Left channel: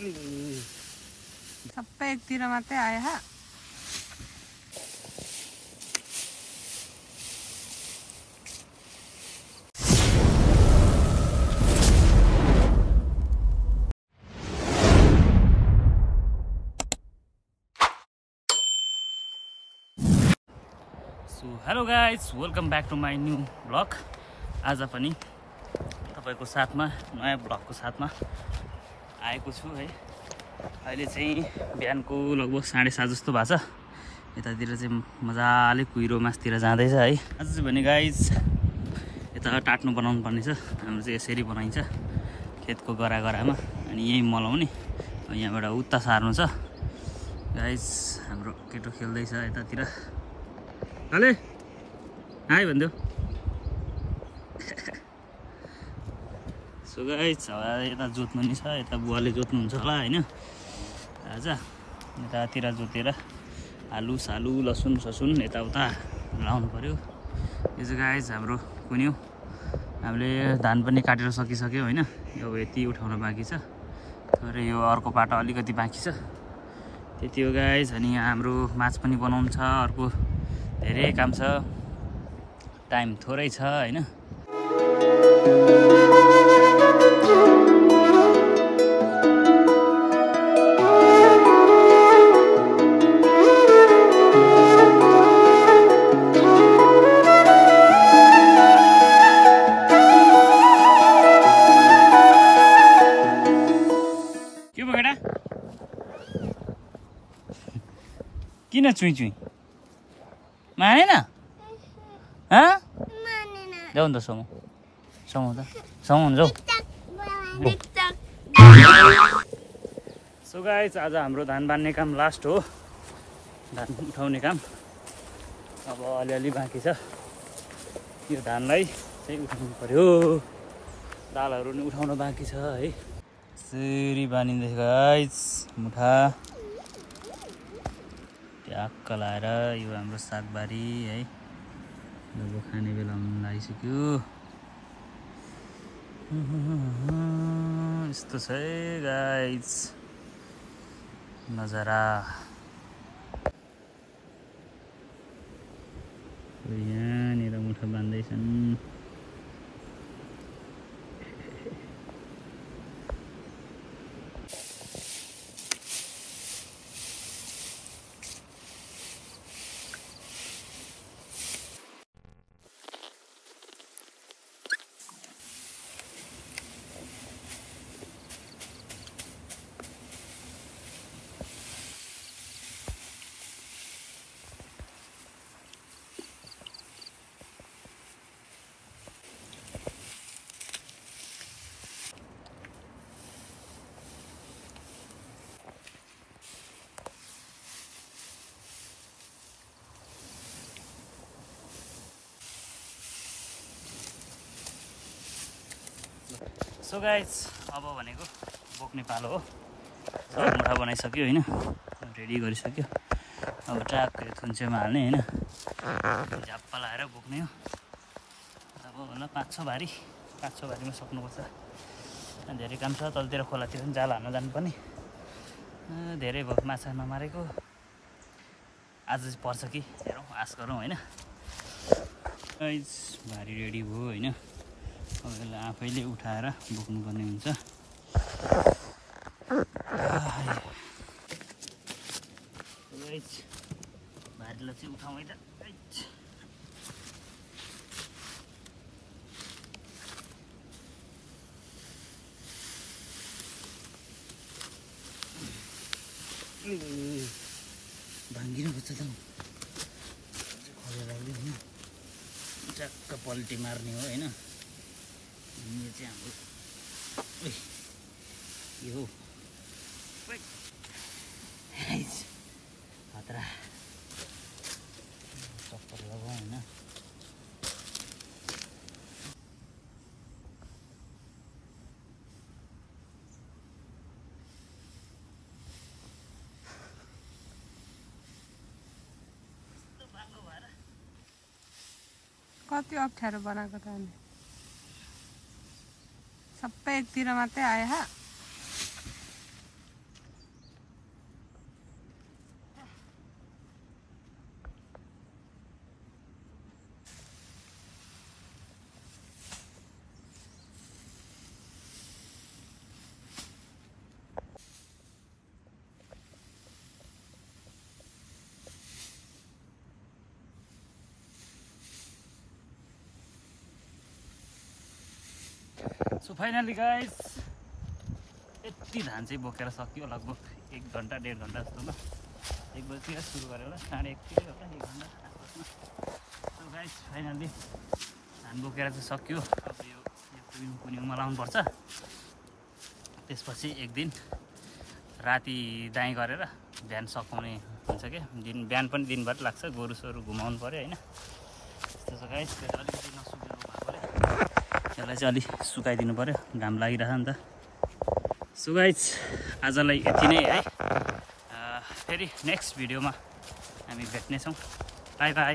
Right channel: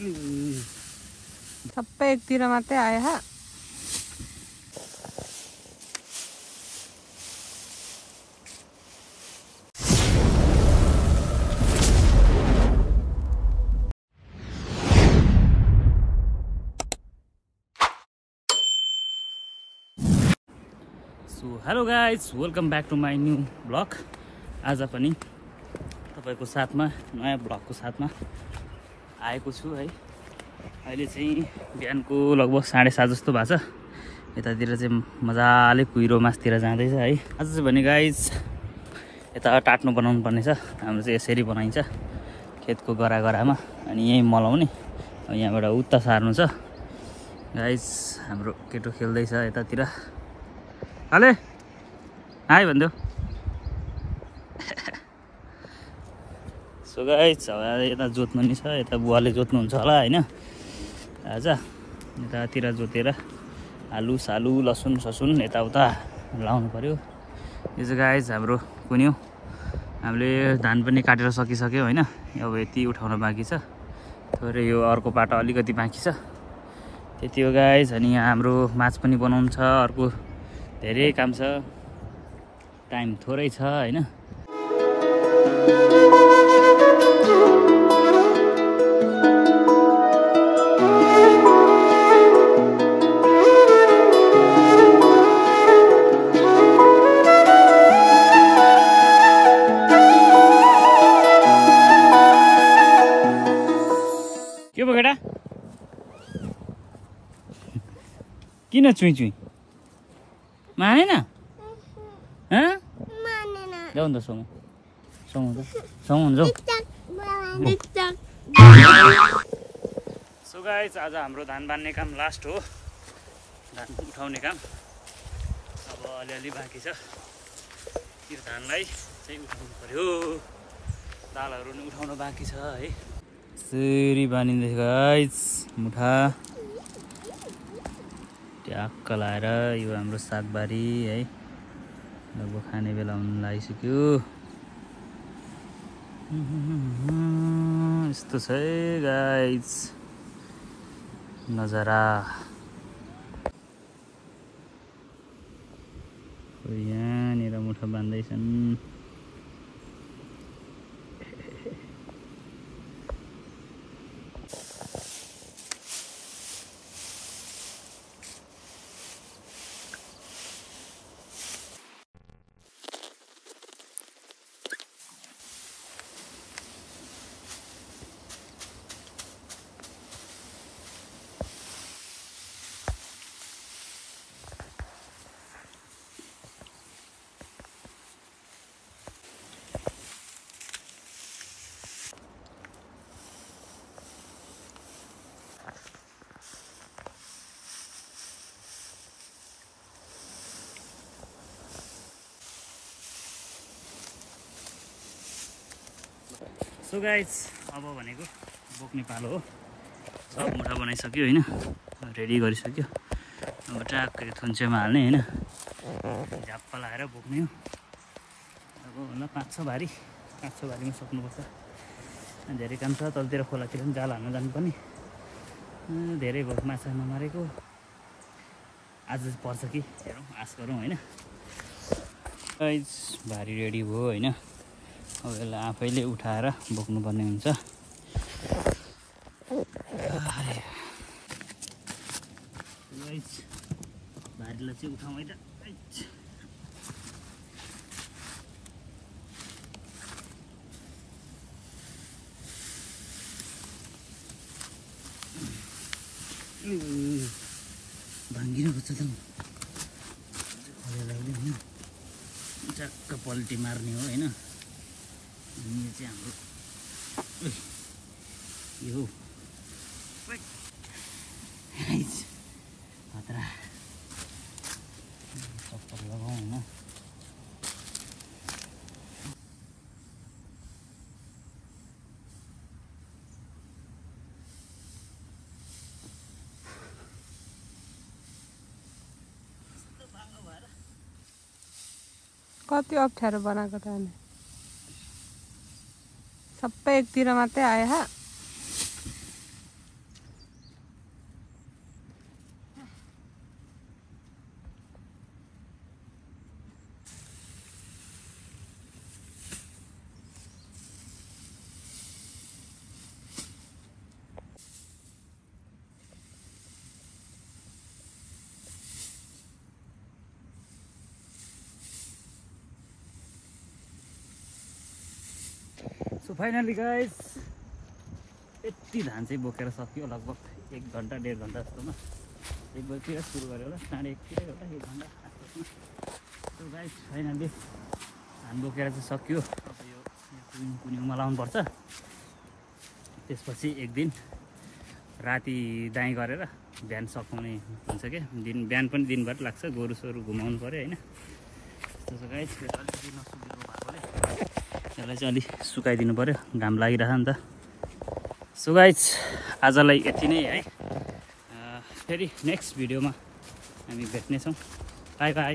सबै एकतिर मात्रै आयो हा। So hello guys, welcome back to my new blog. आज पनि तपाईँको साथमा नयाँ ब्लगको साथमा आएको छु है। अहिले चाहिँ बिहानको लगभग 7:30 जस्तो भएको छ। यतातिर चाहिँ मजाले कुहिरो मासतिर जाँदैछ है। आज चाहिँ भने गाइज यता टाट्नो बनाउनु पर्ने छ। हाम्रो चाहिँ यसरी बनाइन्छ खेतको गरामा, अनि यहीँ मलाउने, यहाँबाट उत्ता सार्नु छ। गाइज हाम्रो केटो खेल्दैछ यतातिर। हाले हाई भनिदेऊ। सो गाइस यता जोत्नु नि छ, यता बुवाले जोत्नुहुन्छ होला होइन। आज यतातिर जोतेर आलु सालु लसुन ससुन यताउता लाउनु पर्यो। यो चाहिँ गाइस हाम्रो कुन्यौ, हामीले धान पनि काटेर सकिसक्यो होइन। अब यति उठाउन बाँकी छ, थोरै यो अर्को पाटो अलिकति बाँकी छ, त्यति हो गाइस। अनि यहाँ हाम्रो माछ पनि बनाउनु छ, अर्को धेरै काम छ, टाइम थोरै छ होइन। के भयो केटा, किन चुई चुई मानेन? जाऊ नि त समु जाऊ। सो गाइस आज हाम्रो धान बान्ने काम लास्ट हो, धान उठाउने काम अब अलिअलि बाँकी छ। यो धानलाई चाहिँ उठाउनु पर्यो, दालहरू नि उठाउन बाँकी छ है। यसरी बानिँदैछ गाइस मुठा ट्याक्क लाएर। यो हाम्रो सागबारी है, लगभग खाने बेला हुन लागिसक्यो। यस्तो छ है गाइस नजारा। यहाँनिर मुठा बान्दैछन्। सो गाइस अब भनेको बोक्ने पालो हो। सब मुठा बनाइसक्यो होइन, रेडी गरिसक्यो। अब ट्याक्क थुन्चेमा हाल्ने होइन, झाप्पा लाएर बोक्ने हो। अब होला 5-6 भारीमा सक्नुपर्छ। धेरै काम छ, तलतिर खोलातिर पनि जाल हाल्न जानुपर्ने। धेरै भयो माछा नमारेको, आज पर्छ कि हेरौँ, आश गरौँ होइन। गाइस भारी रेडी भयो होइन। अब यसलाई आफैले उठाएर बोक्नुपर्ने हुन्छ। भारीलाई चाहिँ उठाउँ है त। भाङ्गिनु खोज्छ त खोलेर होइन, ट्याक्क पल्टी मार्ने हो होइन। यो चाहिँ हाम्रो यो खतरा चप्पल लगाउँ होइन। कति अप्ठ्यारो बनाएको त अनि सबै एकतिर मात्रै आयो हा। सो फाइनली गाइस यति धान चाहिँ बोकेर सकियो लगभग 1 घन्टा 1.5 घन्टा जस्तोमा 1 बजीतिर सुरु गऱ्यो होला 1:30 तिर होला 1 घन्टा आसपासमा सो गाइस फाइनली धान बोकेर चाहिँ सकियो अब यो कुन्युमा लाउनु पर्छ त्यसपछि एक दिन राति दाइँ गरेर बिहान सकाउने हुन्छ क्या बिहान पनि दिनभर लाग्छ गोरुसोरु घुमाउनु पर्यो हैन त्यसो गाइस अलिकति नसुकेको भएकोले यसलाई चाहिँ अलि सुकाइदिनु पर्यो घाम लागिरहेछ नि त सो गाइस आजलाई यति नै है फेरि नेक्स्ट भिडियोमा हामी भेट्नेछौँ बाइ बाइ